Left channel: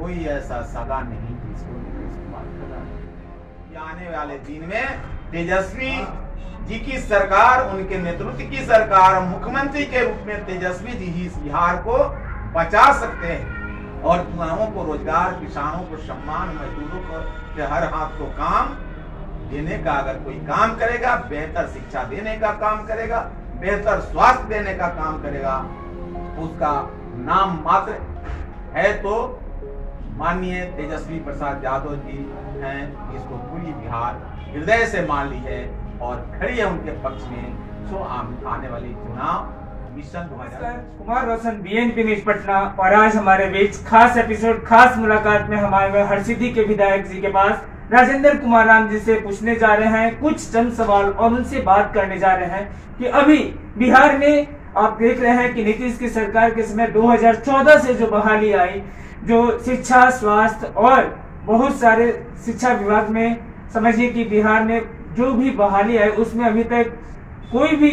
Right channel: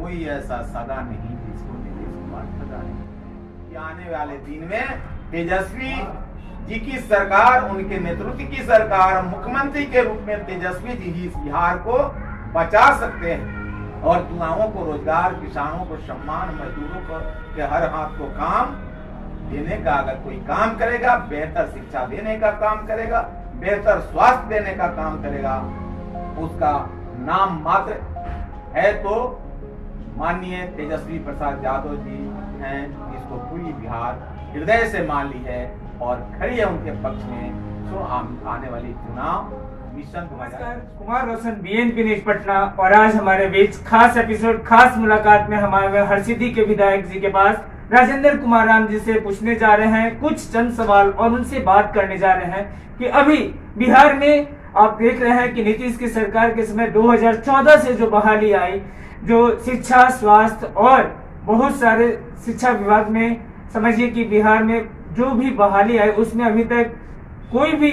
कोई ऐसा सगा नहीं जिसको नीतीश कुमार ठगा नहीं। आने वाले दिन में तेजस्वी जी की सरकार, उनके नेतृत्व की सरकार, मुख्यमंत्री के रूप में तेजस्वी जी ही इस बिहार को बचा सकते हैं और युवाओं को रोजगार, किसानों को सम्मान, मजदूरों को के हर हाथ को काम देने का अगर कोई काम करेगा, बेहतर शिक्षा देने का काम करेगा, बेहतर स्वास्थ्य देने का काम करेगा, उसका नाम मात्र है तो माननीय तेजस्वी प्रसाद यादव जी हैं, जिसको पूरी बिहार हृदय से मान ली है और खड़ी है उनके पक्ष में। सो आने वाली चुनाव मिशन कुमार रोशन, BNP न्यूज पटना। और आज हमारे बीच खास एपिसोड, खास मुलाकात में हमारे हरसिद्धि के विधायक जी के पास राजेंद्र कुमार राम जी से पूछने जा रहे हैं कुछ चंद सवाल और उनसे बात करने जा रहे हैं कि अभी बिहार में आप देख रहे हैं कि नीतीश की सरकार के समय 2014 से जो बहाली आई, जो शिक्षा, स्वास्थ्य और बहुत सारे शिक्षा विभाग में समझिए कि बिहार में जो भी बहाली आई उसमें अभी तक कोई भी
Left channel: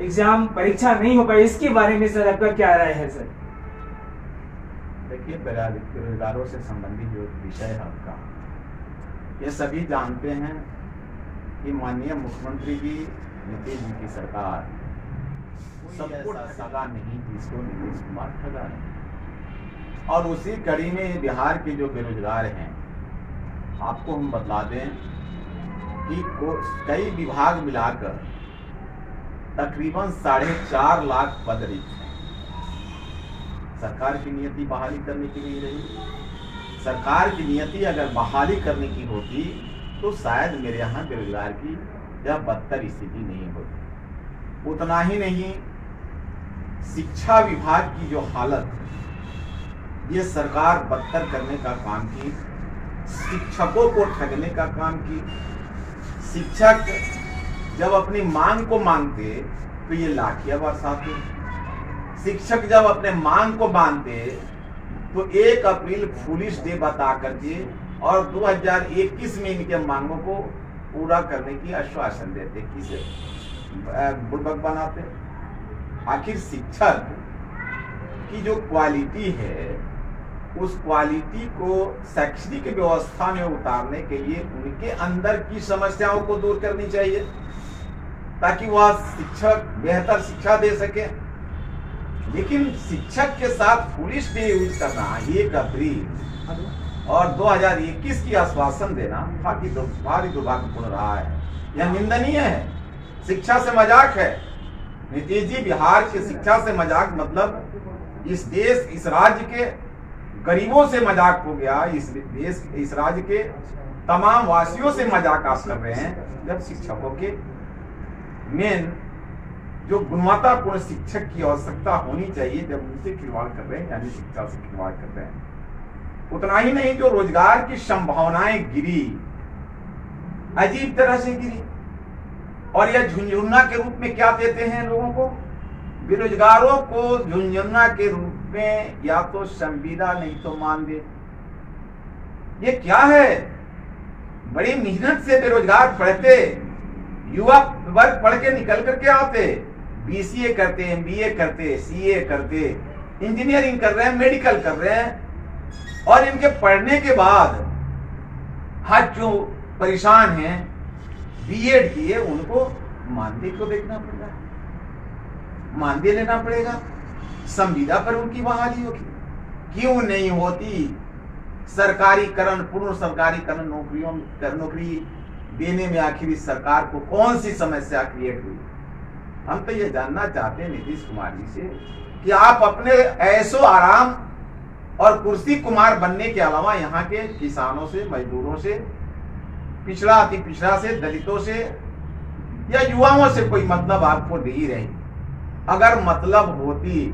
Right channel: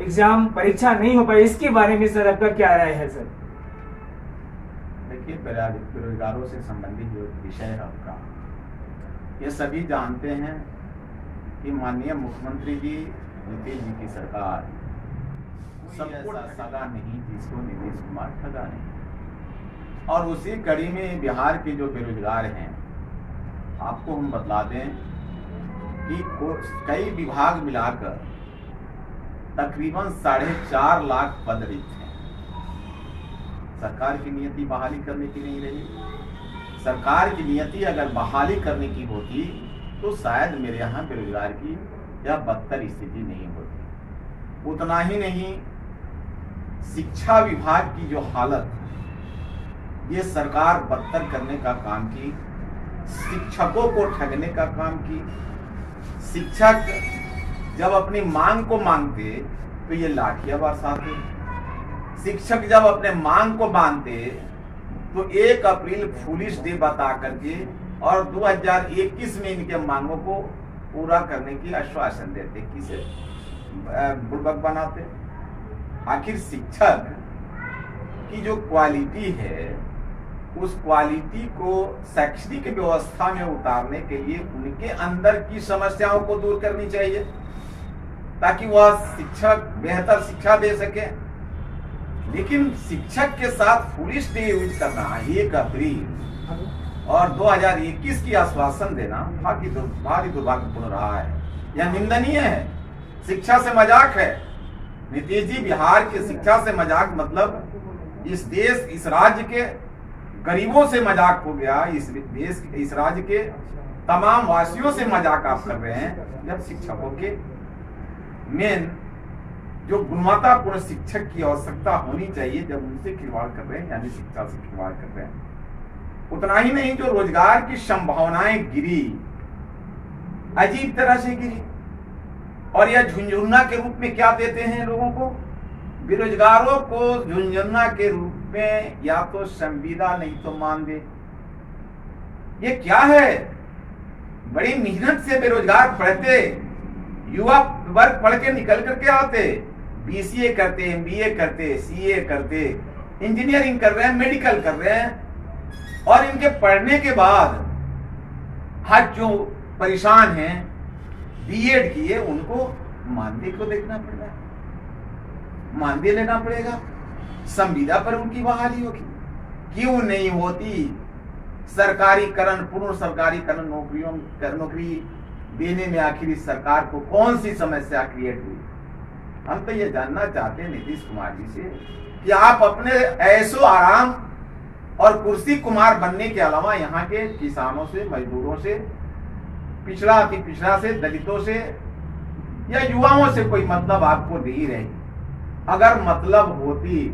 एग्जाम, परीक्षा नहीं हो पाई। इसके बारे में सर आपका क्या राय है सर? देखिए, बेरोजगारों से संबंधित जो विषय है आपका, ये सभी जानते हैं कि माननीय मुख्यमंत्री जी, नीतीश जी की सरकार सबको सगा नहीं जिसको नीतीश कुमार ठगा नहीं। और उसी कड़ी में बिहार के जो बेरोजगार हैं, आपको हम बतला दें कि कई विभाग मिलाकर तकरीबन 4.5 लाख पद रिक्त हैं। सरकार की नियति बहाली करने की नहीं रही। सरकार की नियति अगर बहाली करने की होती तो शायद मेरे यहाँ बेरोजगार की यह बदतर स्थिति नहीं होती। उतना ही नहीं, शिक्षा विभाग की जो हालत, ये सरकार बदतर करने का काम की, शिक्षकों को ठगने का काम की। शिक्षक जब अपनी मांग को मांगते तो ये लाठियां बरसाते। शिक्षक जब अपने मांग को मानते तो 1 अप्रैल फुलिश डे बता करके और 2021 में इनके मांगों को पूरा करने की आश्वासन देते, किसे बुड़बक बनाते। आखिर शिक्षक की जो क्वालिटी है, उस क्वालिटी को शैक्षणिक व्यवस्था में उतारने के लिए उनके अंदर की समस्याओं को दूर करनी चाहिए ताकि वह शिक्षक बेहतर शिक्षा दे सके। लेकिन शिक्षक के साथ फुलिश डे यूज करना, 1 अप्रैल और 2021 की आश्वासन देना भारी दुर्भाग्यपूर्ण रहा है। यह निंदनीय है। शिक्षा से मजाक है। नीतीश जी, बिहार की शिक्षा से मजाक मतलब इस देश, इस राज्य के गरीबों से मजाक हो गया। इस देश, इस राज्य के तमाम वासियों से मजाक आप कर रहे हैं, जब शिक्षकों के मेन जो गुणवत्तापूर्ण शिक्षक की आवश्यकता होनी चाहिए, जब उनसे खिलवाड़ कर रहे हैं, यानी शिक्षा से खिलवाड़ कर रहे हैं। उतना ही नहीं, जो रोजगार की संभावनाएं गिरी, अजीब तरह से गिरी। और यह झुंझुन्ना के रूप में क्या देते हैं लोगों को? बेरोजगारों को झुंझुन्ना के रूप में या तो संविदा नहीं तो मानदेय। ये क्या है? बड़ी मेहनत से बेरोजगार पढ़ते, युवा वर्ग पढ़ के निकल करके आते, BCA करते, MBA करते, CA करते, इंजीनियरिंग कर रहे हैं, मेडिकल कर रहे हैं, और इनके पढ़ने के बाद आज जो परेशान हैं, B.Ed किए, उनको मानदेय को देखना पड़ रहा है, मानदेय लेना पड़ेगा, संविदा पर उनकी बहाली होगी। क्यों नहीं होती? सरकारीकरण, पूर्ण सरकारीकरण नौकरी देने में आखिर इस सरकार को कौन सी समस्या क्रिएट हुई? हम तो ये जानना चाहते हैं नीतीश कुमार जी से कि आप अपने ऐशो आराम और कुर्सी कुमार बनने के अलावा यहाँ के किसानों से, मजदूरों से, पिछड़ा अति पिछड़ा से, दलितों से या युवाओं से कोई मतलब आपको नहीं रही। अगर मतलब होती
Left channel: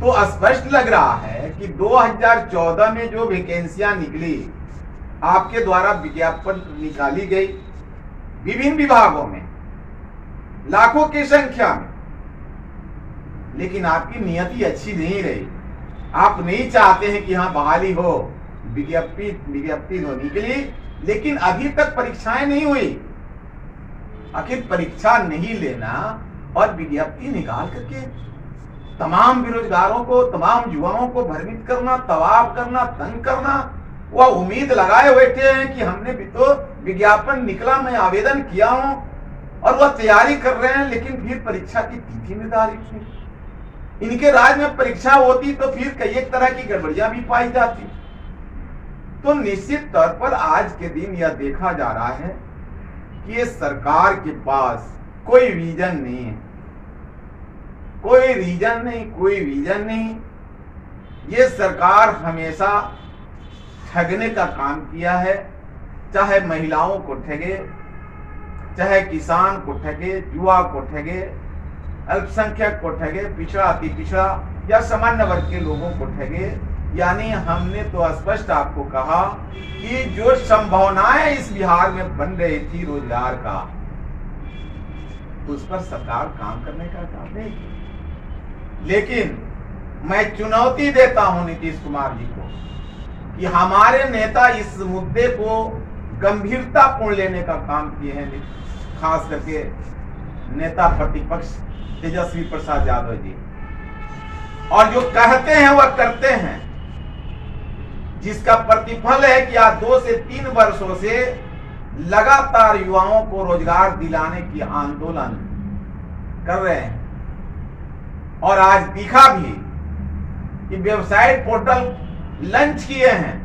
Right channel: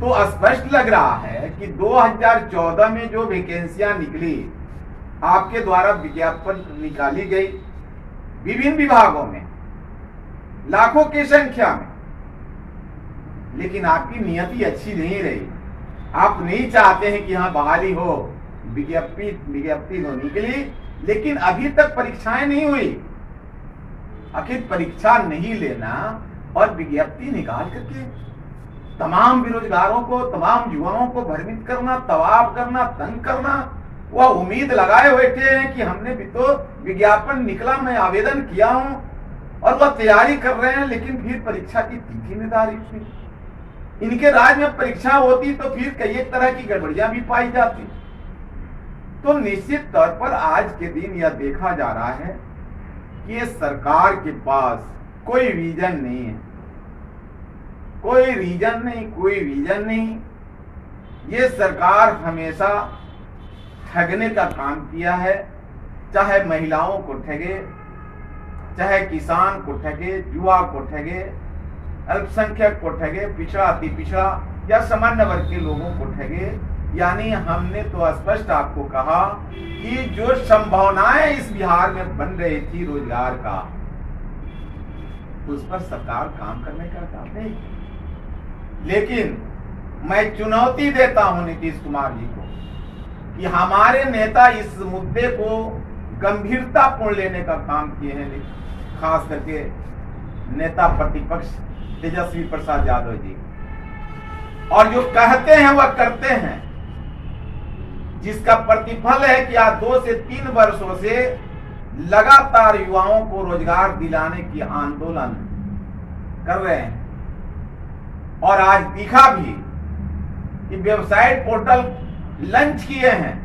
तो स्पष्ट लग रहा है कि 2014 में जो वैकेंसियां निकली, आपके द्वारा विज्ञापन निकाली गई विभिन्न विभागों में लाखों की संख्या में, लेकिन आपकी नियति अच्छी नहीं रही। आप नहीं चाहते हैं कि हाँ बहाली हो, विज्ञप्ति होने के लिए, लेकिन अभी तक परीक्षाएं नहीं हुई। आखिर परीक्षा नहीं लेना और विज्ञप्ति निकाल करके तमाम बेरोजगारों को, तमाम युवाओं को भ्रमित करना, तबाह करना, तंग करना। वह उम्मीद लगाए बैठे हैं कि हमने भी तो विज्ञापन निकला, मैं आवेदन किया हूं, और वह तैयारी कर रहे हैं, लेकिन फिर परीक्षा की तिथि निर्धारित है। इनके राज्य में परीक्षा होती तो फिर कई एक तरह की गड़बड़ियां भी पाई जाती। तो निश्चित तौर पर आज के दिन यह देखा जा रहा है कि ये सरकार के पास कोई विजन नहीं है, कोई रीजन नहीं, कोई विजन नहीं। ये सरकार हमेशा ठगने का काम किया है, चाहे महिलाओं को ठगे, चाहे किसान को ठगे, युवा को ठगे, अल्पसंख्यक को ठगे, पिछड़ा अति पिछड़ा या सामान्य वर्ग के लोगों को ठगे। यानी हमने तो स्पष्ट आपको कहा कि जो संभावनाएं इस बिहार में बन रही थी रोजगार का, उस पर सरकार काम करने का काम नहीं। लेकिन मैं चुनौती देता हूं नीतीश कुमार जी को कि हमारे नेता इस मुद्दे को गंभीरता पूर्ण लेने का काम किए हैं, खास करके नेता प्रतिपक्ष तेजस्वी प्रसाद यादव जी, और जो कहते हैं वह करते हैं, जिसका प्रतिफल है कि आज 2 से 3 वर्षों से लगातार युवाओं को रोजगार दिलाने की आंदोलन कर रहे हैं। और आज दिखा भी कि वेबसाइट पोर्टल लॉन्च किए हैं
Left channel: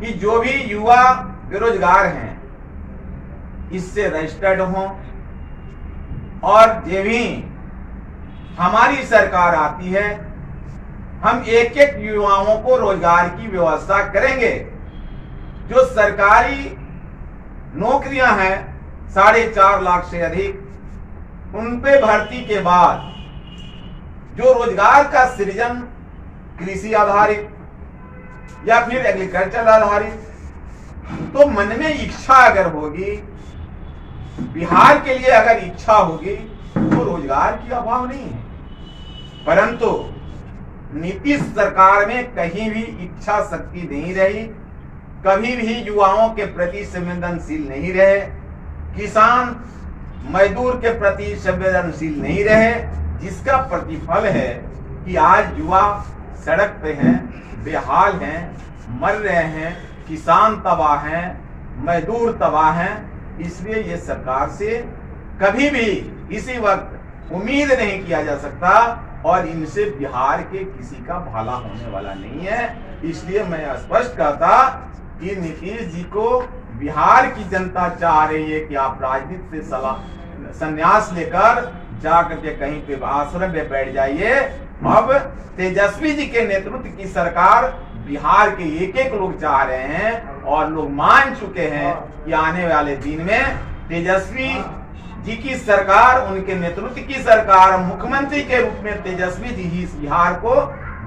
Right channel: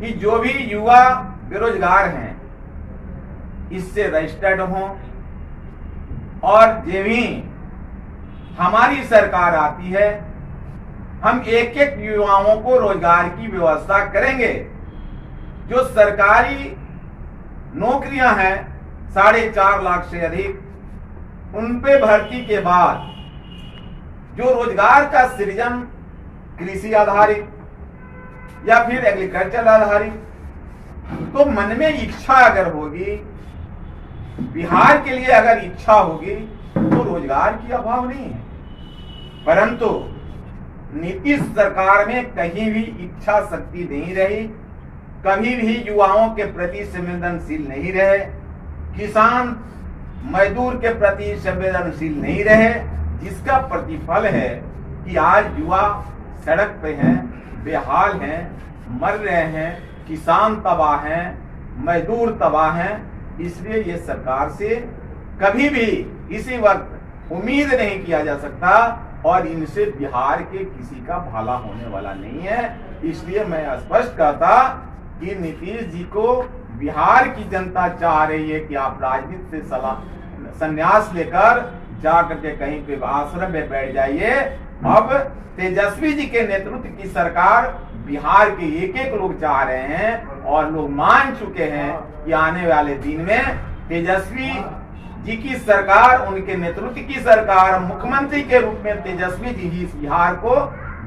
कि जो भी युवा बेरोजगार हैं इससे रजिस्टर्ड हों, और जो भी हमारी सरकार आती है हम एक एक युवाओं को रोजगार की व्यवस्था करेंगे। जो सरकारी नौकरियां हैं 4.5 लाख से अधिक, उन पे भर्ती के बाद जो रोजगार का सृजन कृषि आधारित या फिर एग्रीकल्चर आधारित, तो मन में इच्छा अगर होगी, बिहार के लिए अगर इच्छा होगी, तो रोजगार की अभाव नहीं है। परंतु नीतीश सरकार में कहीं भी इच्छा शक्ति नहीं रही, कभी भी युवाओं के प्रति संवेदनशील नहीं रहे, किसान मजदूर के प्रति संवेदनशील नहीं रहे, जिसका प्रतिफल है कि आज युवा सड़क पे हैं, बेहाल हैं, मर रहे हैं, किसान तबाह हैं, मजदूर तबाह हैं। इसलिए ये सरकार से कभी भी इसी वक्त उम्मीद नहीं किया जा सकता, और इनसे बिहार के किसी का भला होने वाला नहीं है। इसलिए मैं स्पष्ट कहता कि नीतीश जी को बिहार की जनता चाह रही है कि आप राजनीति से संन्यास लेकर जाकर के कहीं पे आश्रम में बैठ जाइए। अब तेजस्वी जी के नेतृत्व की सरकार बिहार के एक एक लोग चाह रहे हैं, और लोग मान चुके हैं कि आने वाले दिन में तेजस्वी जी की सरकार, उनके नेतृत्व की सरकार, मुख्यमंत्री के रूप में तेजस्वी जी ही इस बिहार को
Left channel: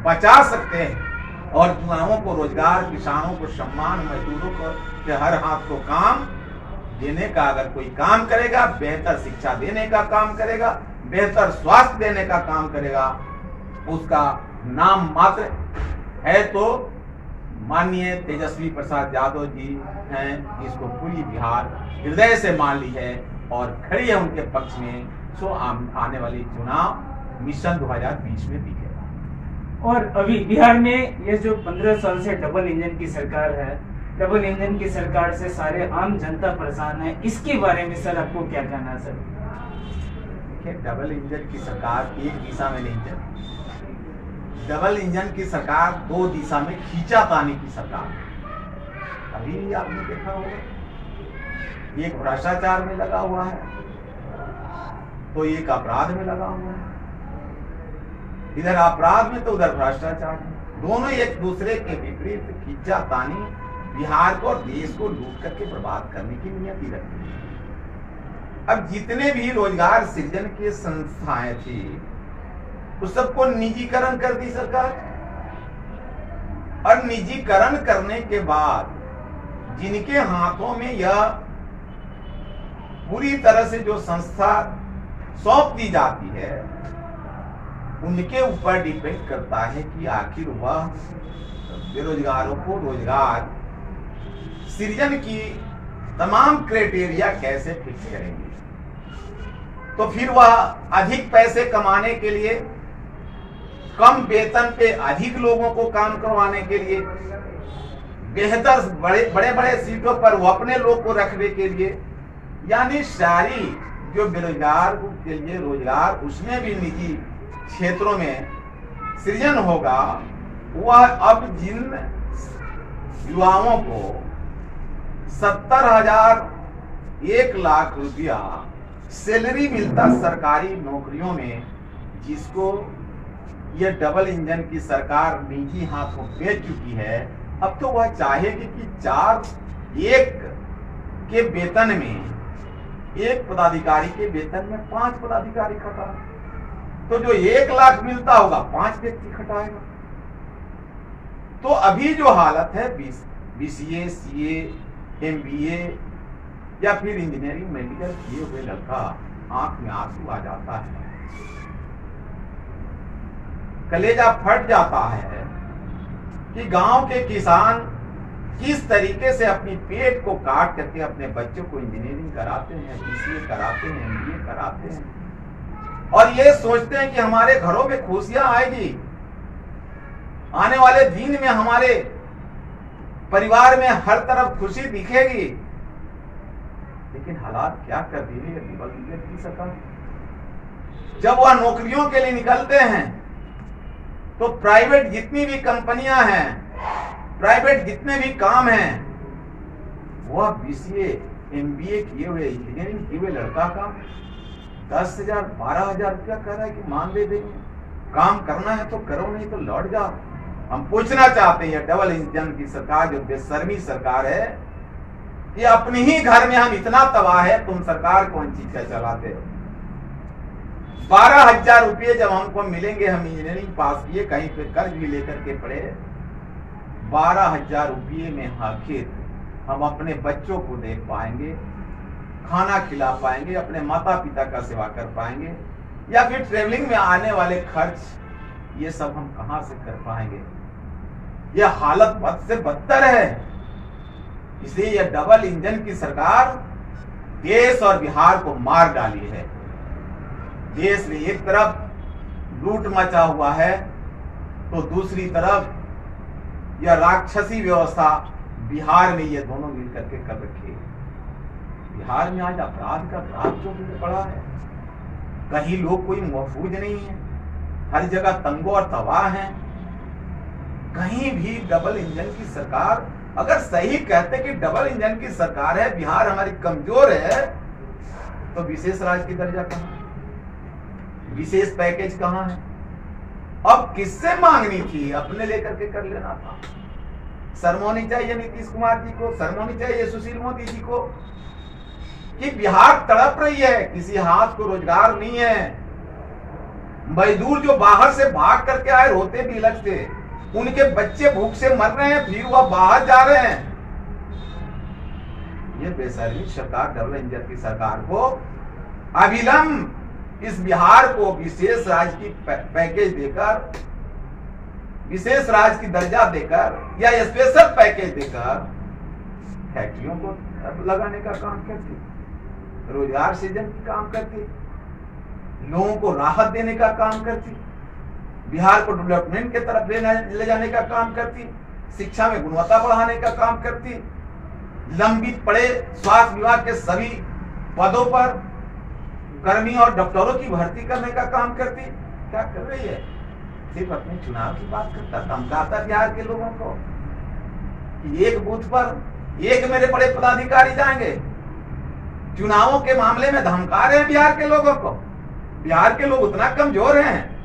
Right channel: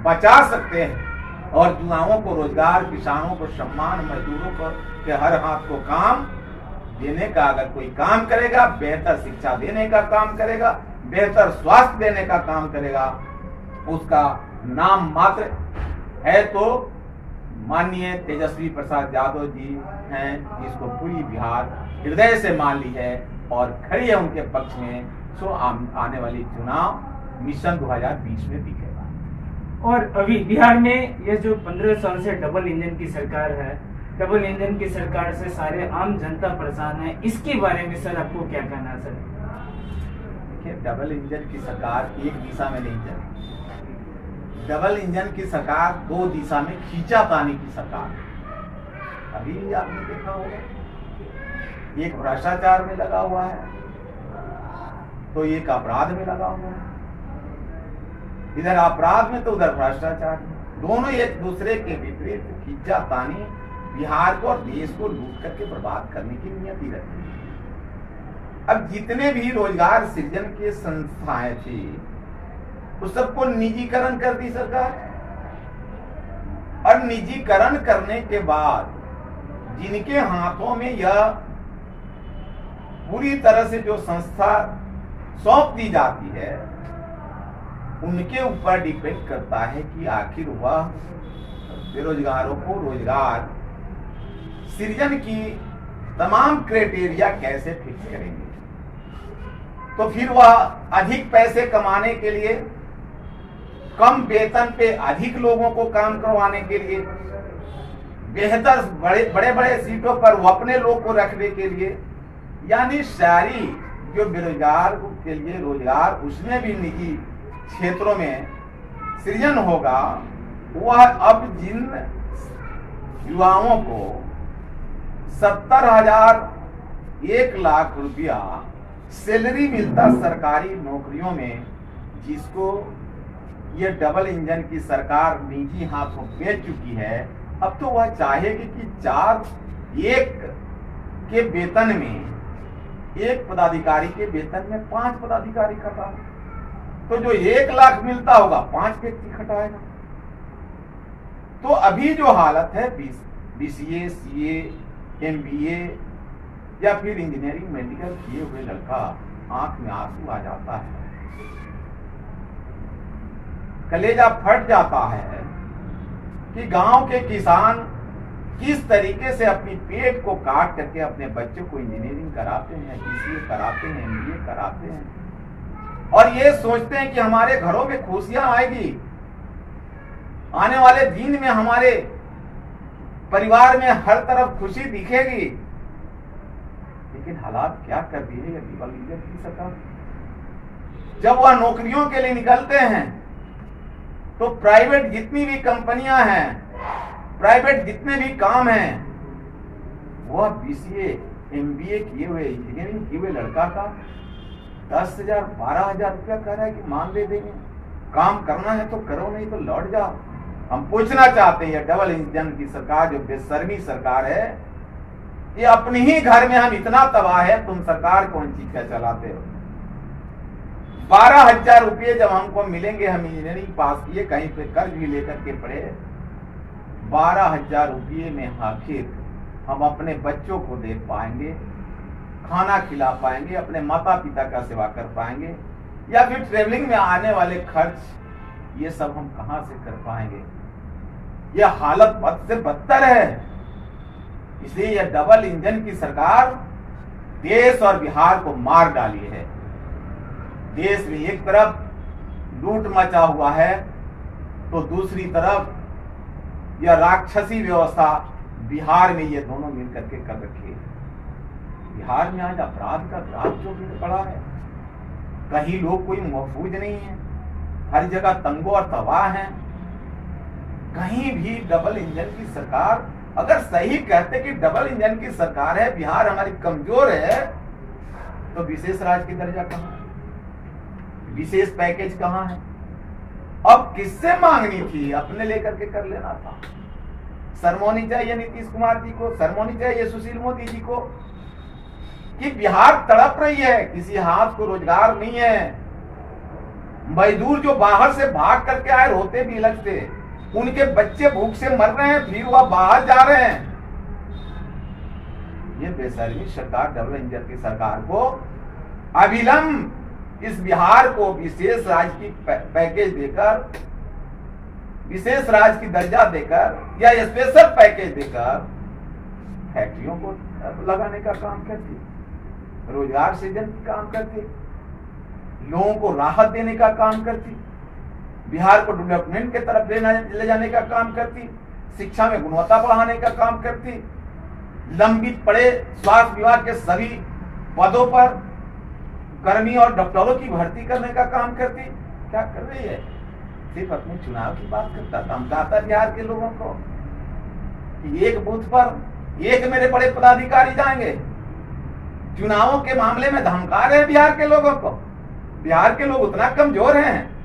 बचा सकते हैं, और युवाओं को रोजगार, किसानों को सम्मान, मजदूरों को के हर हाथ को काम देने का अगर कोई काम करेगा, बेहतर शिक्षा देने का काम करेगा, बेहतर स्वास्थ्य देने का काम करेगा, उसका नाम मात्र है तो माननीय तेजस्वी प्रसाद यादव जी हैं, जिसको पूरी बिहार हृदय से मान ली है और खड़ी है उनके पक्ष में। सो आने वाली चुनाव मिशन 2020 में दिखेगा। और अभी बिहार में ये जो 15 साल से डबल इंजन की सरकार है, डबल इंजन की सरकार से सारे आम जनता परेशान है, इसके बारे में सर आपको क्या कहना है? सर देखिए, डबल इंजन की सरकार एक दिशा में नहीं चली, डबल इंजन की सरकार 2 दिशा में खींचातानी की सरकार है। अभी आपने देखा होगा, एक भ्रष्टाचार में लगा हुआ है तो एक अपराध में लगा हुआ है, इधर अपराध में तो उधर भ्रष्टाचार में, दोनों एक दूसरे के विपरीत खींचातानी बिहार को और देश को लूट करके बर्बाद करने की नियति रखती है। अब जितने भी रोजगार सृजन की संस्थाएं थी उस सबको निजीकरण कर दी सरकार, और निजीकरण करने के बाद जिनके हाथों में यह पूरी तरह से जो संस्था सौंप दी जाती है, उनके ऊपर डिपेंड करता है कि आखिर वह बेरोजगारों को रोजगार सृजन की तमाम क्राइटेरिया कैसे फिक्स करेंगे। तो फिर वह अधिक पैसे कमाने के लिए, कम वेतन पे अधिक लोगों को काम करवाने के लिए, बेहतर बड़े बड़े सीटों पर वो अपने लोग को रखने के लिए, यानी सारी जो बेरोजगार के लिए रोजगार, उसमें भी निजी क्षेत्रों में सृजन होगा। वह अब जिन युवाओं को 70,000 1,00,000 रुपया सैलरी मिलता सरकारी नौकरियों में, जिसको ये डबल इंजन की सरकार निजी हाथों बेच चुकी है, अब तो वह चाहेगी कि 4 के वेतन में, 1 पदाधिकारी के वेतन में 5 पदाधिकारी खटा, तो जो 1,00,000 मिलता होगा 5 व्यक्ति खटाएगा। तो अभी जो हालत है BCA, CA, MBA या फिर इंजीनियरिंग मेडिकल किए हुए लड़का, आंख में आंसू आ जाता है, कलेजा फट जाता है कि गांव के किसान किस तरीके से अपनी पेट को काट करके अपने बच्चों को इंजीनियरिंग कराते हैं, BCA कराते हैं, MBA कराते हैं, और ये सोचते हैं कि हमारे घरों में खुशियां आएगी, आने वाले दिन में हमारे परिवार में हर तरफ खुशी दिखेगी। लेकिन हालात क्या कर दी है डबल इंजन की सरकार। जब वह नौकरियों के लिए निकलते हैं तो प्राइवेट जितनी भी कंपनियां हैं, प्राइवेट जितने भी काम हैं, वह BCA, MBA किए हुए, इंजीनियरिंग किए हुए लड़का का 10,000 12,000 रुपया कह रहा है कि मान दे देंगे, काम करना है तो करो, नहीं तो लौट जाओ। हम पूछना चाहते हैं, डबल इंजन की सरकार जो बेशर्मी सरकार है, ये अपने ही घर में हम इतना तबाह है, तुम सरकार कौन चीज का चलाते हो। 12,000 रुपये जब हमको मिलेंगे, हम इंजीनियरिंग पास किए, कहीं पे कर्ज भी लेकर के पढ़े, 12,000 रुपये में आखिर हम अपने बच्चों को देख पाएंगे, खाना खिला पाएंगे, अपने माता पिता का सेवा कर पाएंगे, या फिर ट्रेवलिंग में आने वाले खर्च, ये सब हम कहां से कर पाएंगे। यह हालत बद से बदतर है। इसलिए यह डबल इंजन की सरकार देश और बिहार को मार डाली है। देश में एक तरफ लूट मचा हुआ है, तो दूसरी तरफ यह राक्षसी व्यवस्था बिहार में ये दोनों मिलकर के कर रखी है। बिहार में आज अपराध का ग्राफ जो भी पड़ा है, कहीं लोग कोई महफूज नहीं है, हर जगह तंगो और तबाह है। कहीं भी डबल इंजन की सरकार, अगर सही कहते कि डबल इंजन की सरकार है, बिहार हमारी कमजोर है, तो विशेष राज्य की दर्जा कहां है, विशेष पैकेज कहां है। अब किससे मांगनी थी, अपने लेकर के कर लेना था। शर्मोनी चाहिए नीतीश कुमार जी को, शर्मोनी चाहिए सुशील मोदी जी को कि बिहार तड़प रही है, किसी हाथ को रोजगार नहीं है। मजदूर जो बाहर से भाग करके आए, रोते भी अलग से, उनके बच्चे भूख से मर रहे हैं, फिर वह बाहर जा रहे हैं। ये बेशर्मी सरकार, डबल इंजन की सरकार को अविलंब इस बिहार को विशेष राज्य की पैकेज देकर, विशेष राज्य की दर्जा देकर या स्पेशल पैकेज देकर फैक्ट्रियों को लगाने का काम करती, रोजगार सृजन का काम करती, लोगों को राहत देने का काम करती, बिहार को डेवलपमेंट के तरफ ले जाने का काम करती, शिक्षा में गुणवत्ता बढ़ाने का काम करती, लंबित पड़े स्वास्थ्य विभाग के सभी पदों पर कर्मी और डॉक्टरों की भर्ती करने का काम करती। क्या कर रही है, सिर्फ अपने चुनाव की बात करता, धमकाता बिहार के लोगों को कि एक बूथ पर एक मेरे बड़े पदाधिकारी जाएंगे। चुनावों के मामले में धमका रहे हैं बिहार के लोगों को। बिहार के लोग उतना कमजोर हैं,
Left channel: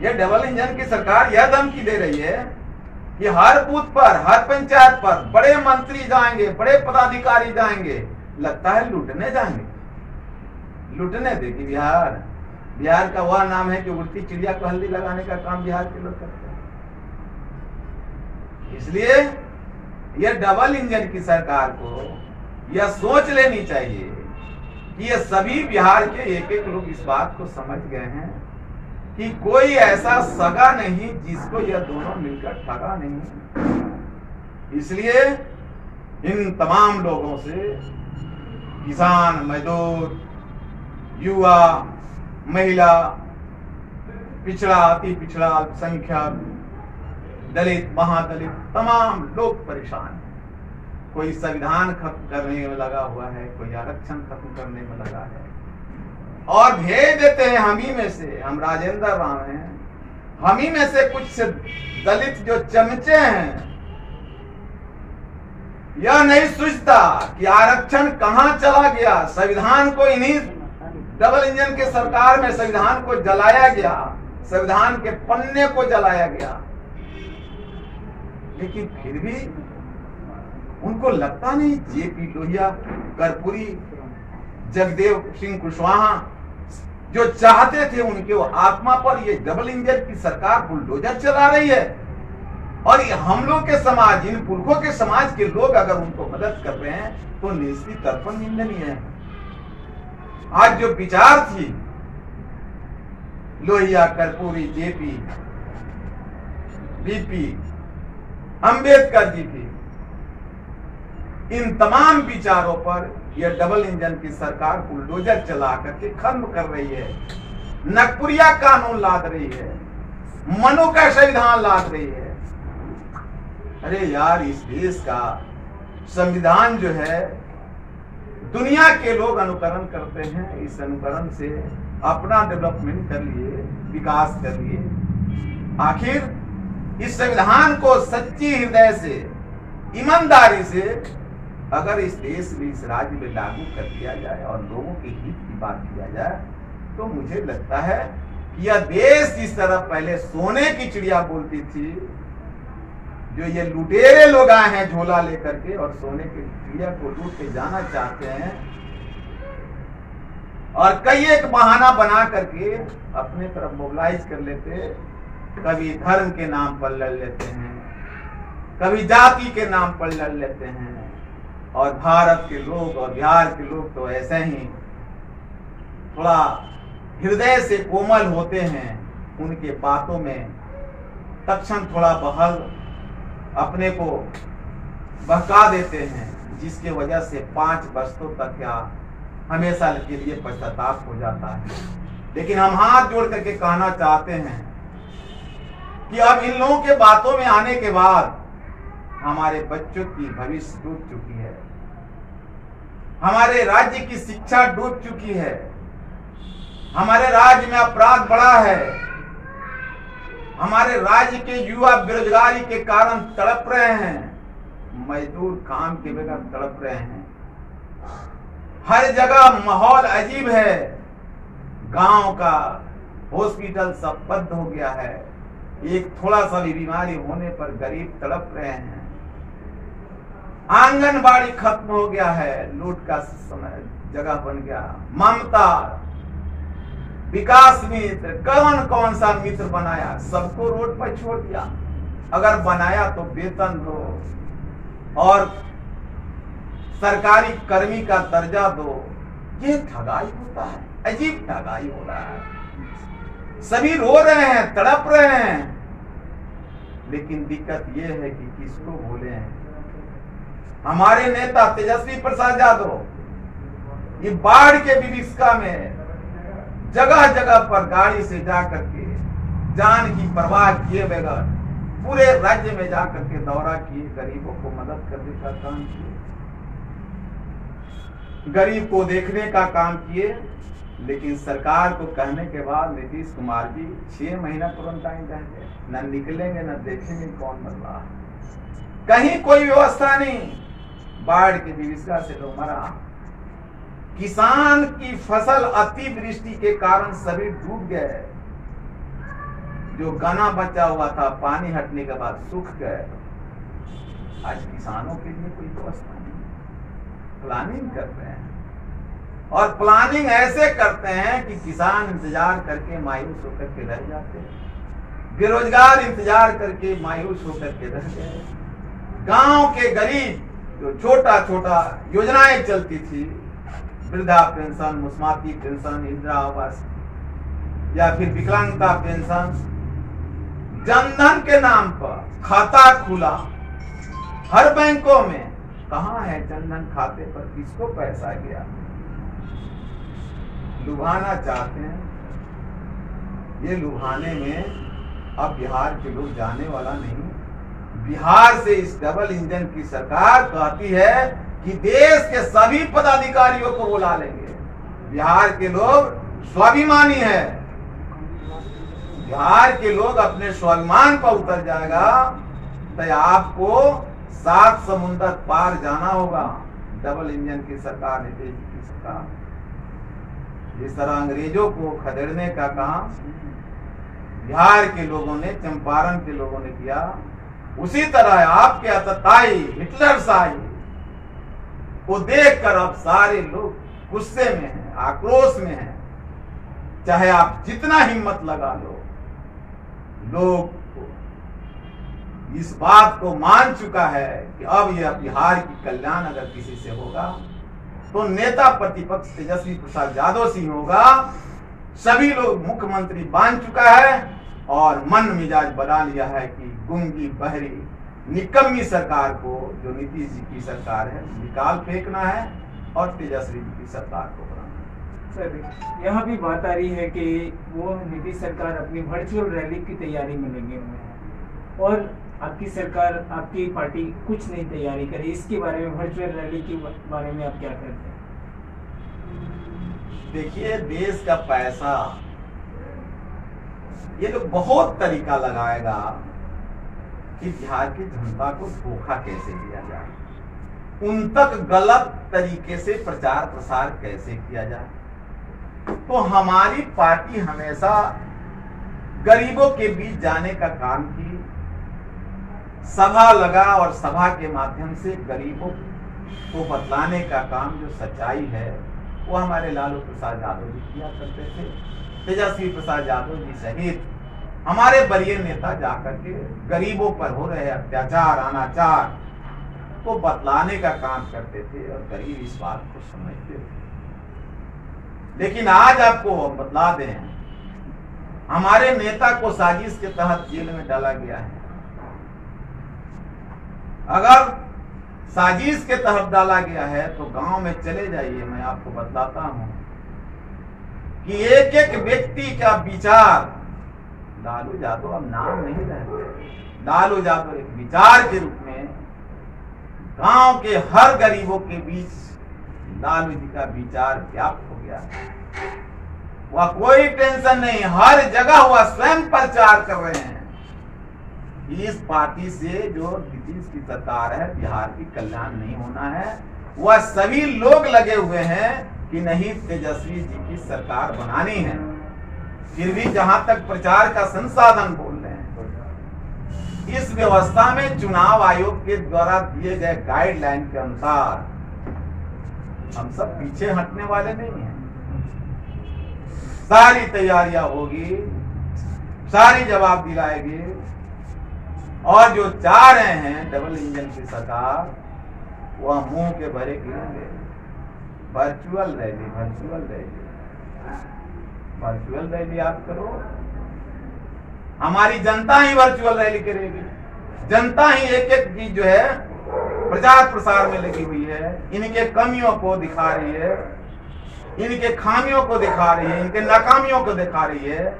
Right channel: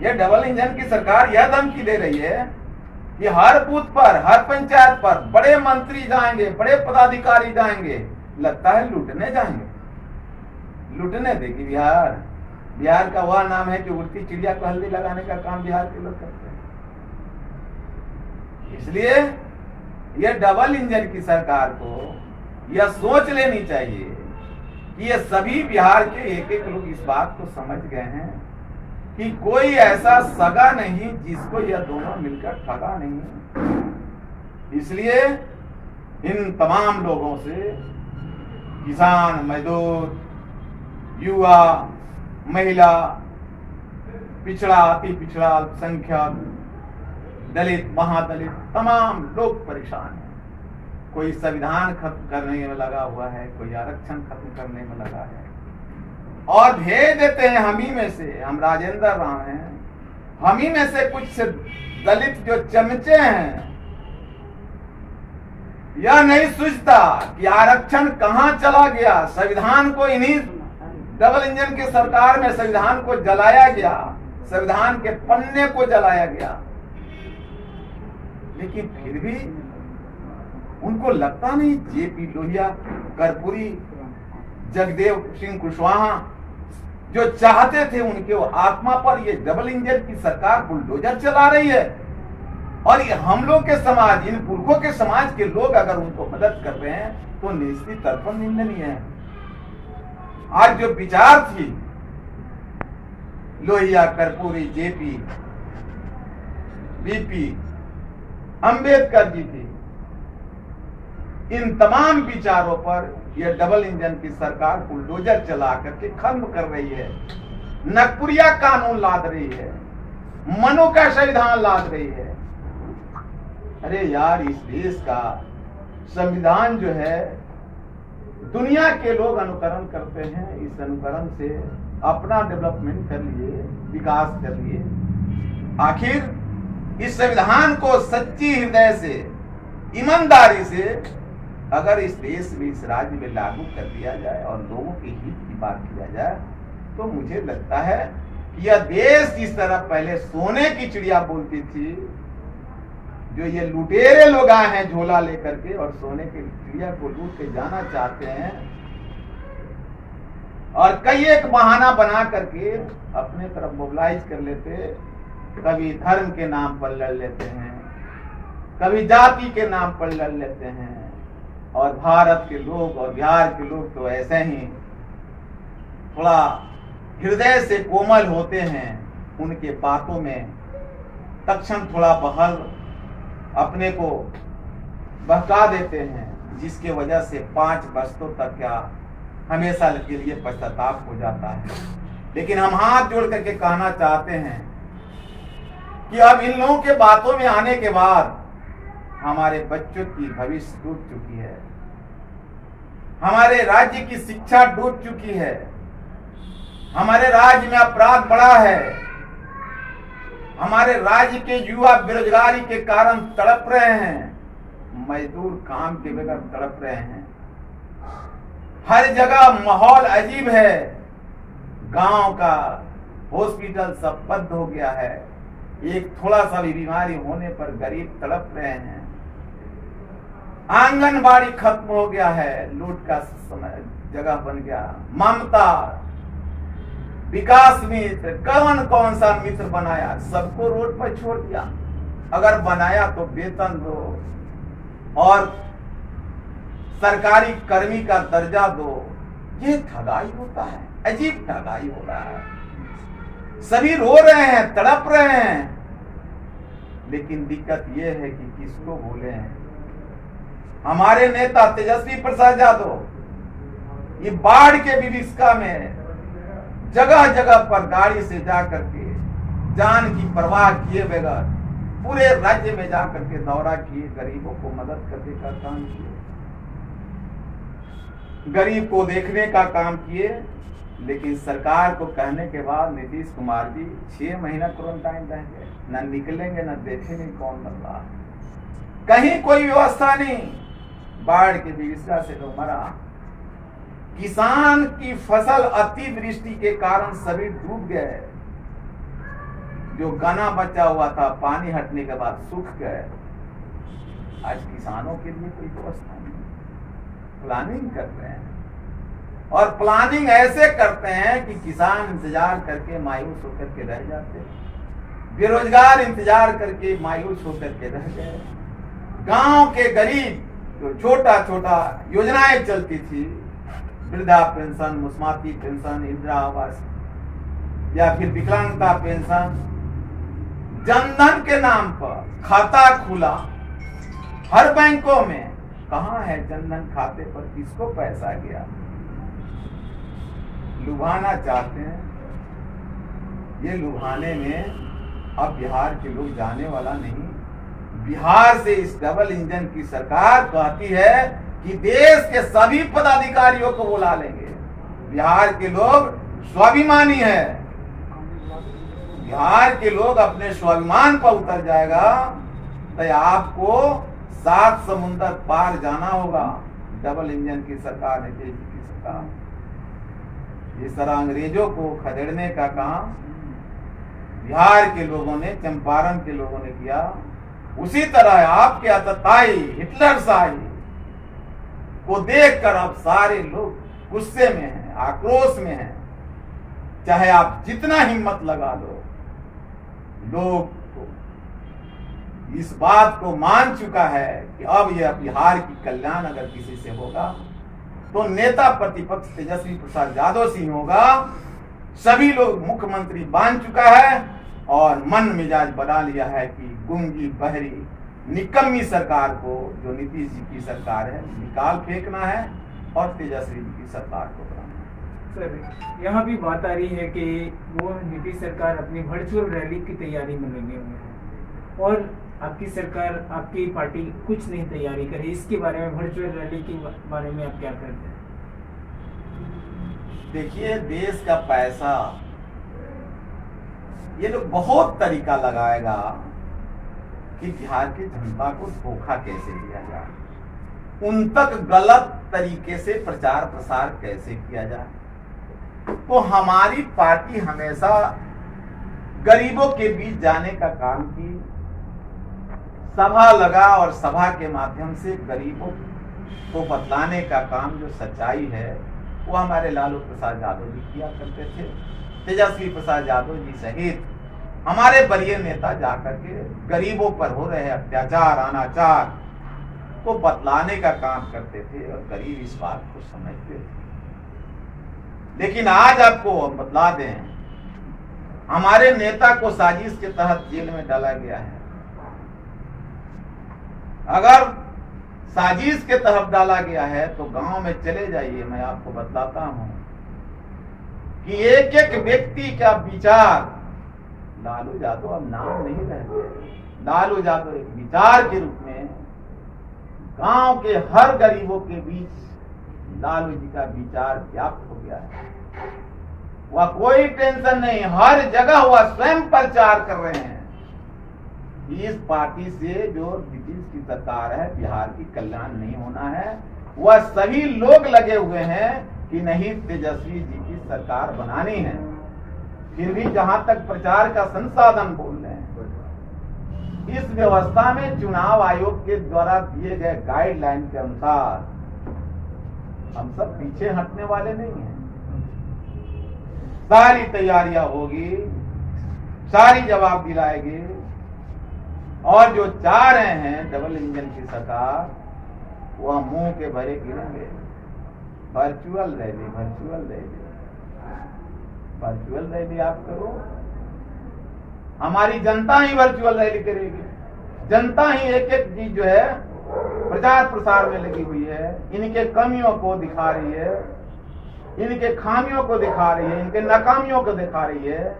यह डबल इंजन की सरकार यह धमकी दे रही है कि हर बूथ पर, हर पंचायत पर बड़े मंत्री जाएंगे, बड़े पदाधिकारी जाएंगे। लगता है लूटने जाएंगे, लूटने देगी बिहार। बिहार का वह नाम है कि उड़ती चिड़िया को हल्दी लगाने का काम बिहार के लोग करते हैं। इसलिए यह डबल इंजन की सरकार को यह सोच लेनी चाहिए कि ये सभी बिहार के एक एक लोग इस बात को समझ गए हैं कि कोई ऐसा सगा नहीं जिसको यह दोनों मिलकर ठगा नहीं। इसलिए इन तमाम लोगों से, किसान, मजदूर, युवा, महिला, पिछड़ा, अति पिछड़ा, अल्पसंख्यक, दलित, महादलित, तमाम लोग परेशान हैं। कोई संविधान खत्म करने में लगा हुआ है, कोई आरक्षण खत्म करने में लगा है, और भेज देते हैं हम ही में से, हम राजेंद्र राम हैं, हम ही में से कुछ दलित जो चमचे हैं, यह नहीं सोचता कि आरक्षण कहां चला गया। संविधान को इन्हीं डबल इंजन की सरकार में संविधान को जलाया गया, संविधान के पन्ने को जलाया गया, लेकिन फिर भी उनको लगता नहीं। जेपी लोहिया, कर्पूरी, जगदेव सिंह कुशवाहा जो चाहते थे उनके वो आत्मा पर ये डबल इंजन की सरकार बुलडोजर चला रही है, और ये हम लोग के समाज, इन पुरखों के समाज के लोग अगर उनको मदद कर रहे हैं तो निश्चित तर्पण निंदनीय है। आज जो विचार थी लोहिया, कर्पूरी, जेपी, बीपी, अंबेडकर जी की, इन तमाम विचारों पर यह डबल इंजन की सरकार बुलडोजर चला करके खत्म कर रही है। नगपुरिया कानून लाद रही है, मनु का संविधान लाद रही है। अरे यार, इस देश का संविधान जो है दुनिया के लोग अनुकरण करते हैं, इस अनुकरण से अपना डेवलपमेंट कर लिए, विकास कर लिए। आखिर इस संविधान को सच्ची हृदय से, ईमानदारी से अगर इस देश में, इस राज्य में लागू कर दिया जाए और लोगों के हित की बात किया जाए, तो मुझे लगता है कि यह देश जिस तरह पहले सोने की चिड़िया बोलती थी, जो ये लुटेरे लोग आए हैं झोला लेकर के और सोने की चिड़िया को लूट के जाना चाहते हैं, और कई एक बहाना बना करके अपने तरफ मोबिलाइज कर लेते। कभी धर्म के नाम पर लड़ लेते हैं, कभी जाति के नाम पर लड़ लेते हैं, और भारत के लोग और बिहार के लोग तो ऐसे ही थोड़ा हृदय से कोमल होते हैं, उनके बातों में तत्क्षण थोड़ा बहल अपने को बहका देते हैं, जिसके वजह से 5 बरसों तक क्या हमेशा के लिए पश्चाताप हो जाता है। लेकिन हम हाथ जोड़ करके कहना चाहते हैं कि अब इन लोगों के बातों में आने के बाद हमारे बच्चों की भविष्य डूब चुकी है, हमारे राज्य की शिक्षा डूब चुकी है, हमारे राज्य में अपराध बढ़ा है, हमारे राज्य के युवा बेरोजगारी के कारण तड़प रहे हैं, मजदूर काम के बगैर तड़प रहे हैं। हर जगह माहौल अजीब है, गांव का हॉस्पिटल सब बंद हो गया है, एक थोड़ा सा भी बीमारी होने पर गरीब तड़प रहे हैं। आंगनबाड़ी खत्म हो गया है, लूट का समय जगह बन गया। ममता, विकास मित्र, कौन कौन सा मित्र बनाया, सबको रोड पर छोड़ दिया। अगर बनाया तो वेतन दो और सरकारी कर्मी का दर्जा दो। ये ठगाई होता है, अजीब ठगाई हो रहा है। सभी रो रहे हैं, तड़प रहे हैं, लेकिन दिक्कत ये है कि किसको बोले हैं। हमारे नेता तेजस्वी प्रसाद यादव ये बाढ़ के विभीषिका में जगह जगह पर गाड़ी से जाकर के जान की परवाह किए बगैर पूरे राज्य में जाकर के दौरा किए, गरीबों को मदद करने का काम किए, गरीब को देखने का काम किए। लेकिन सरकार को कहने के बाद नीतीश कुमार जी 6 महीना क्वारंटाइन रह गए, न निकलेंगे न देखेंगे कौन मर रहा, कहीं कोई व्यवस्था नहीं। बाढ़ की विभीषिका से लोग मरा, किसान की फसल अतिवृष्टि के कारण सभी डूब गए, जो गना बचा हुआ था पानी हटने के बाद सूख गए। आज किसानों के लिए कोई व्यवस्था नहीं, प्लानिंग कर रहे हैं, और प्लानिंग ऐसे करते हैं कि किसान इंतजार करके मायूस होकर के रह जाते हैं, बेरोजगार इंतजार करके मायूस होकर के रह गए। गांव के गरीब जो छोटा छोटा योजनाएं चलती थी, वृद्धा पेंशन, मुस्माती पेंशन, इंदिरा आवास या फिर विकलांगता पेंशन, जनधन के नाम पर खाता खुला हर बैंकों में। कहां है जनधन खाते पर किसको पैसा गया? लुभाना चाहते हैं। ये लुभाने में अब बिहार के लोग जाने वाला नहीं। बिहार से इस डबल इंजन की सरकार कहती है कि देश के सभी पदाधिकारियों को बुला लेंगे। बिहार के लोग स्वाभिमानी है। बिहार के लोग अपने स्वाभिमान पर उतर जाएगा तो आपको 7 समुंदर पार जाना होगा। डबल इंजन की सरकार, नीतीश जी की सरकार, जिस तरह अंग्रेजों को खदेड़ने का काम बिहार के लोगों ने, चंपारण के लोगों ने किया, उसी तरह आपके आतताई हिटलरशाही को देखकर अब सारे लोग गुस्से में हैं, आक्रोश में हैं। चाहे आप जितना हिम्मत लगा लो, लोग इस बात को मान चुका है कि अब यह बिहार की कल्याण अगर किसी से होगा तो नेता प्रतिपक्ष तेजस्वी प्रसाद यादव से ही होगा। सभी लोग मुख्यमंत्री मान चुका है और मन मिजाज बना लिया है कि गुंगी बहरी निकम्मी सरकार को, जो नीतीश जी की सरकार है, निकाल फेंकना है और तेजस्वी जी की सरकार को बनाना है। सर, यहाँ भी बात आ रही है कि वो नीतीश सरकार अपनी वर्चुअल रैली की तैयारी में लगे हुए हैं और आपकी सरकार, आपकी पार्टी कुछ नहीं तैयारी करी। इसके बारे में, वर्चुअल रैली के बारे में आप क्या करते हैं? देखिए, देश का पैसा ये लोग बहुत तरीका लगाएगा कि बिहार की जनता को धोखा कैसे दिया जाए, उन तक गलत तरीके से प्रचार प्रसार कैसे किया जाए। तो हमारी पार्टी हमेशा गरीबों के बीच जाने का काम की, सभा लगा और सभा के माध्यम से गरीबों को बतलाने का काम, जो सच्चाई है, वो हमारे लालू प्रसाद यादव जी किया करते थे। तेजस्वी प्रसाद यादव जी सहित हमारे वरीय नेता जाकर के गरीबों पर हो रहे अत्याचार, अनाचार को बतलाने का काम करते थे और गरीब इस बात को समझते थे। लेकिन आज आपको बतला दें, हमारे नेता को साजिश के तहत जेल में डाला गया है। अगर साजिश के तहत डाला गया है तो गांव में चले जाइए, मैं आपको बतलाता हूं कि एक एक व्यक्ति का विचार, लालू यादव अब नाम नहीं रहे, लालू यादव एक विचार के रूप में गांव के हर गरीबों के बीच लालू जी का विचार व्याप्त हो गया है। वह कोई टेंशन नहीं, हर जगह वह स्वयं प्रचार कर रहे हैं। इस पार्टी से जो नीतीश की सरकार है, बिहार की कल्याण नहीं होना है। वह सभी लोग लगे हुए हैं कि नहीं, तेजस्वी जी की सरकार बनानी है। फिर भी जहां तक प्रचार का संसाधन बोल रहे हैं, इस व्यवस्था में चुनाव आयोग के द्वारा दिए गए गाइडलाइन के अनुसार हम सब पीछे हटने वाले नहीं हैं। सारी तैयारियां होगी, सारी जवाब दिलाएगी और जो चाह रहे हैं डबल इंजन की सरकार, वह मुंह के भरे गिरेंगे। Virtual rally, virtual rally, virtual rally आप करो, हमारी जनता ही वर्चुअल रैली करेगी। जनता ही एक एक चीज जो है प्रचार प्रसार में लगी हुई है, इनके कमियों को दिखा रही है, इनके खामियों को दिखा रही है, इनके नाकामियों को दिखा रही है।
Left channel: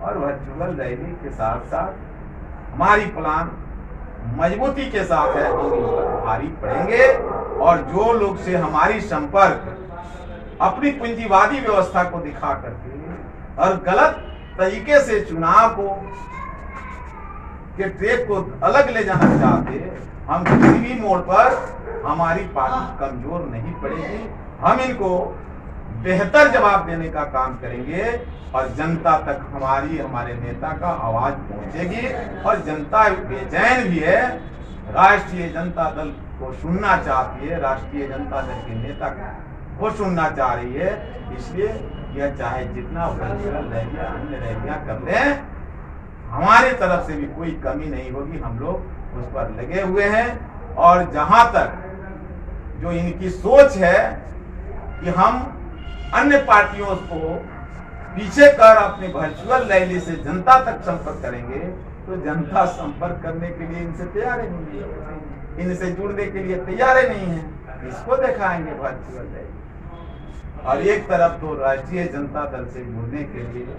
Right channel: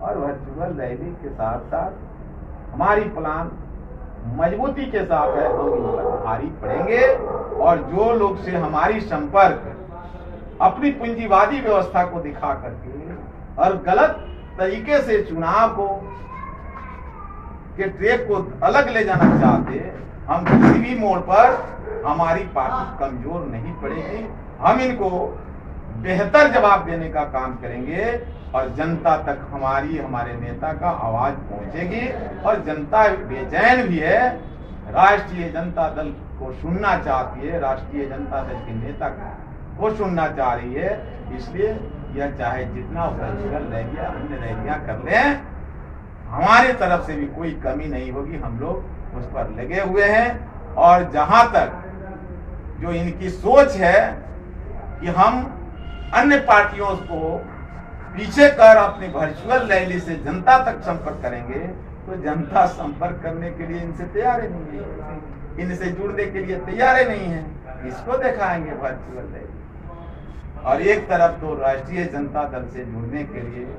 और वर्चुअल रैली के साथ साथ हमारी प्लान मजबूती के साथ है, हम इन पर भारी पड़ेंगे और जो लोग से हमारी संपर्क अपनी पूंजीवादी व्यवस्था को दिखा करके और गलत तरीके से चुनाव को के ट्रैक को अलग ले जाना चाहते, हम किसी भी मोड़ पर हमारी पार्टी कमजोर नहीं पड़ेगी। हम इनको बेहतर जवाब देने का काम करेंगे और जनता तक हमारे नेता का आवाज पहुंचेगी। और जनता बेचैन भी है, राष्ट्रीय जनता दल को सुनना चाहती है, राष्ट्रीय जनता दल के नेता को सुनना चाह रही है। इसलिए यह चाहे जितना वर्चुअल रैलियां, अन्य रैलियां कर लें, हमारी तरफ से भी कोई कमी नहीं होगी। हम लोग उस पर लगे हुए हैं। और जहां तक जो इनकी सोच है कि हम अन्य पार्टियों को पीछे कर अपने वर्चुअल रैली से जनता तक संपर्क करेंगे, तो जनता संपर्क करने के लिए इनसे तैयार नहीं है, इनसे जुड़ने के लिए तैयार नहीं है। इसको दिखाएंगे वर्चुअल रैली। और एक तरफ तो राष्ट्रीय जनता दल से जुड़ने के लिए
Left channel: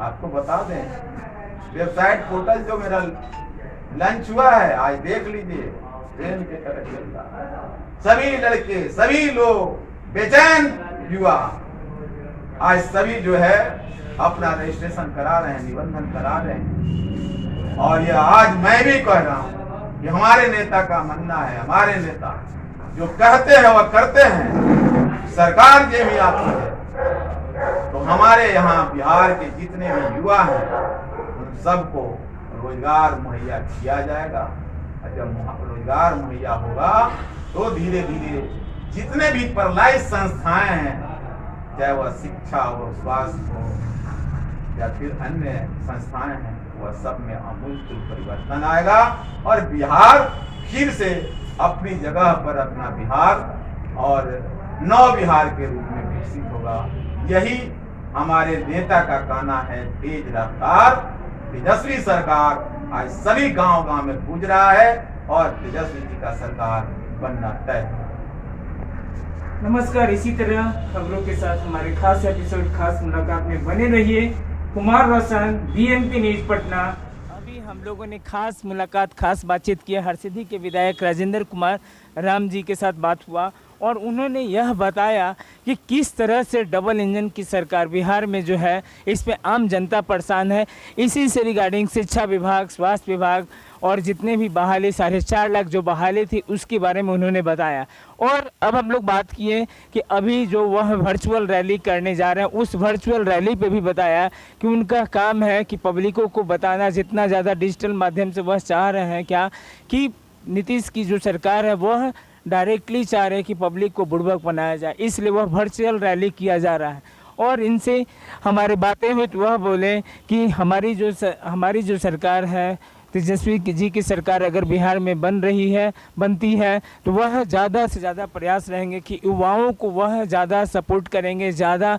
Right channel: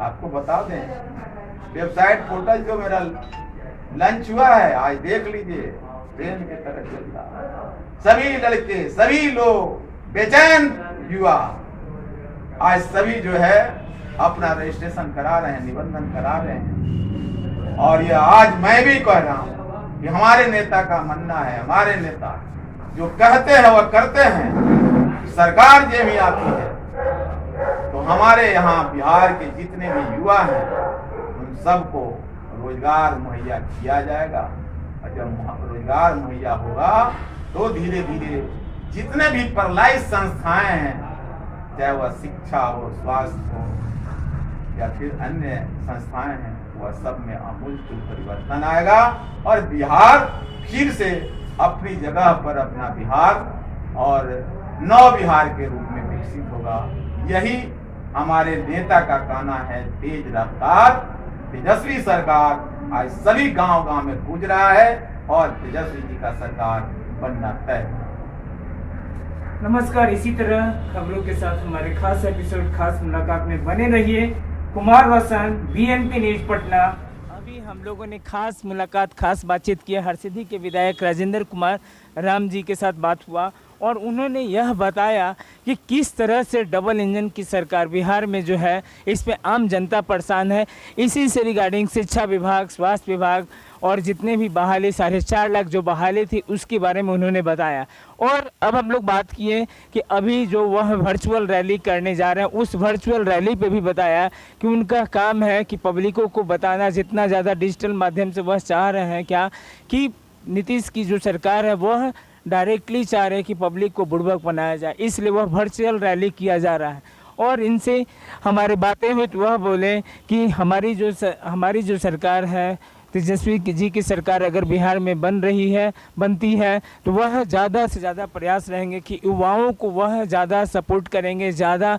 आपको बता दें, वेबसाइट पोर्टल जो मेरा लॉन्च हुआ है आज देख लीजिए, ट्रेन की तरह चलता है। सभी लड़के, सभी लोग, बेचैन युवा आज सभी जो है अपना रजिस्ट्रेशन करा रहे हैं, निबंधन करा रहे हैं। और ये आज मैं भी कह रहा हूँ कि हमारे नेता का मानना है, हमारे नेता जो कहते हैं वह करते हैं। सरकार जो भी आती है तो हमारे यहाँ बिहार के जितने भी युवा हैं उन सबको रोजगार मुहैया किया जाएगा। और जब रोजगार मुहैया होगा तो धीरे धीरे जितने भी प्रलायित संस्थाएं हैं, चाहे वह शिक्षा हो, स्वास्थ्य हो या फिर अन्य संस्थाएं हैं, वह सब में आमूलचूल परिवर्तन आएगा और बिहार फिर से अपनी जगह पर अपना बिहार और नव बिहार के रूप में विकसित होगा। यही हमारे नेता का कहना है। तेज रफ्तार तेजस्वी सरकार आज सभी गांव-गांव में गूंज रहा है और तेजस्वी जी का सरकार बनना तय है। नमस्कार, इसी तरह खबरों के साथ हमारे खास एपिसोड खास मुलाकात में बने रहिए। कुमार रोशन, बीएनपी न्यूज पटना। अभी हम लोगों ने खास मुलाकात, खास बातचीत की हरसिद्धि के विधायक राजेंद्र कुमार राम जी के साथ बात हुआ और उन्होंने यह बताया कि किस तरह से डबल इंजन की सरकार बिहार में जो है इस पे आम जनता परेशान है। इसी से रिगार्डिंग शिक्षा विभाग, स्वास्थ्य विभाग और जितने भी बहाली 4.5 लाख जो बहाली थी उसके बारे में उन्होंने बताया। और अब हम लोग बात किए कि अभी जो वह वर्चुअल रैली करने जा रहे हैं, उस वर्चुअल रैली पे भी बताया कि उनका काम है कि पब्लिकों को बताना, जितना ज़्यादा डिजिटल माध्यम से वह चाह रहे हैं क्या कि नीतीश की जो सरकार है वह डायरेक्टली चाह रहे हैं कि पब्लिक को बुड़बक बनाया जाए, इसलिए वह वर्चुअल रैली किया जा रहा है। और इनसे हमारे बातें हुई तो वह बोले कि हमारी जो सरकार है, तेजस्वी जी की सरकार अगर बिहार में बनती है तो वह ज़्यादा से ज़्यादा प्रयास रहेंगे कि युवाओं को वह ज़्यादा सपोर्ट करेंगे, ज़्यादा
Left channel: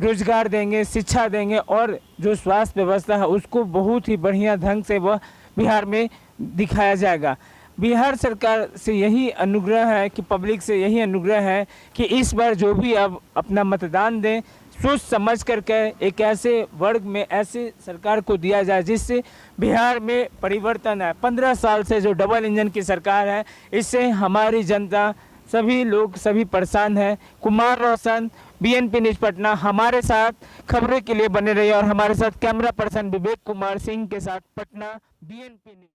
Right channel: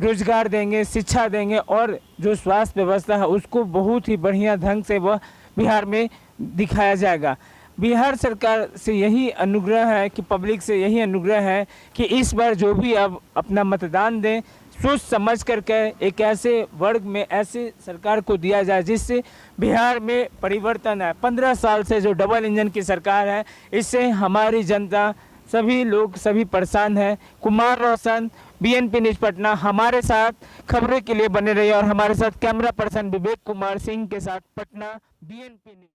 रोजगार देंगे, शिक्षा देंगे और जो स्वास्थ्य व्यवस्था है उसको बहुत ही बढ़िया ढंग से वह बिहार में दिखाया जाएगा। बिहार सरकार से यही अनुग्रह है कि पब्लिक से यही अनुग्रह है कि इस बार जो भी अब अपना मतदान दें, सोच समझ करके एक ऐसे वर्ग में ऐसे सरकार को दिया जाए जिससे बिहार में परिवर्तन है। 15 साल से जो डबल इंजन की सरकार है, इससे हमारी जनता, सभी लोग, सभी परेशान हैं। कुमार रोशन, बीएनपी न्यूज पटना। हमारे साथ खबरों के लिए बने रहिए और हमारे साथ कैमरा पर्सन विवेक कुमार सिंह के साथ पटना, बीएनपी न्यूज।